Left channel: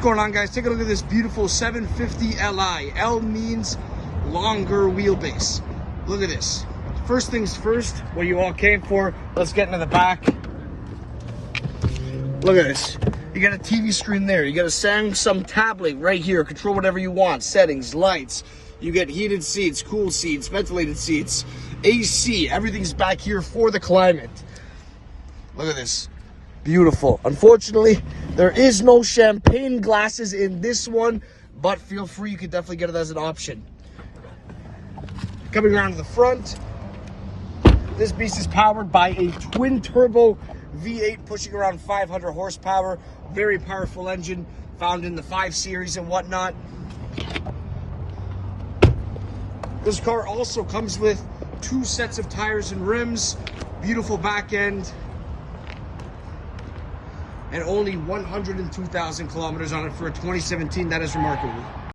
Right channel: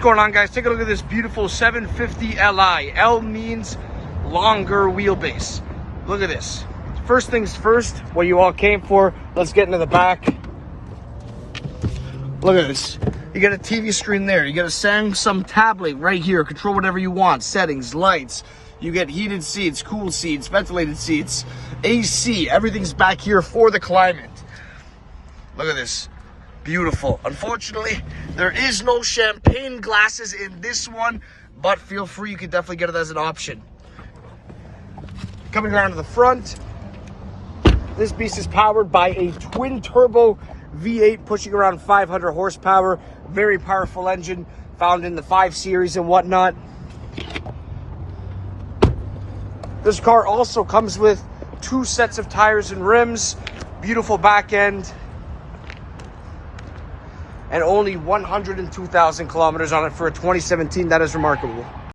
What's going on, guys? Take a look at this beautiful 750LI. L means longer wheelbase. Look at this. First things first, what you all came for. Let's get into the back. Look at this. You got a TV screen there. You got a Samsung tablet right here. Control whatever you want. Settings, lights. You get heated seats, cool seats, ventilated seats, AC. Everything's back here for the climate. Look at this. Beautiful. Unfortunately, there is no champagne glasses in this one, but feel free, you can definitely get it as an option. Coming around to the front, this beast is powered by a twin turbo V8 pushing around 500 horsepower. Very powerful engine found in the 5 Series and whatnot. This car also comes with 2 sets of tires and rims, beautiful back end, and only 102,000 kilometers on it for a 2017. That is remarkable.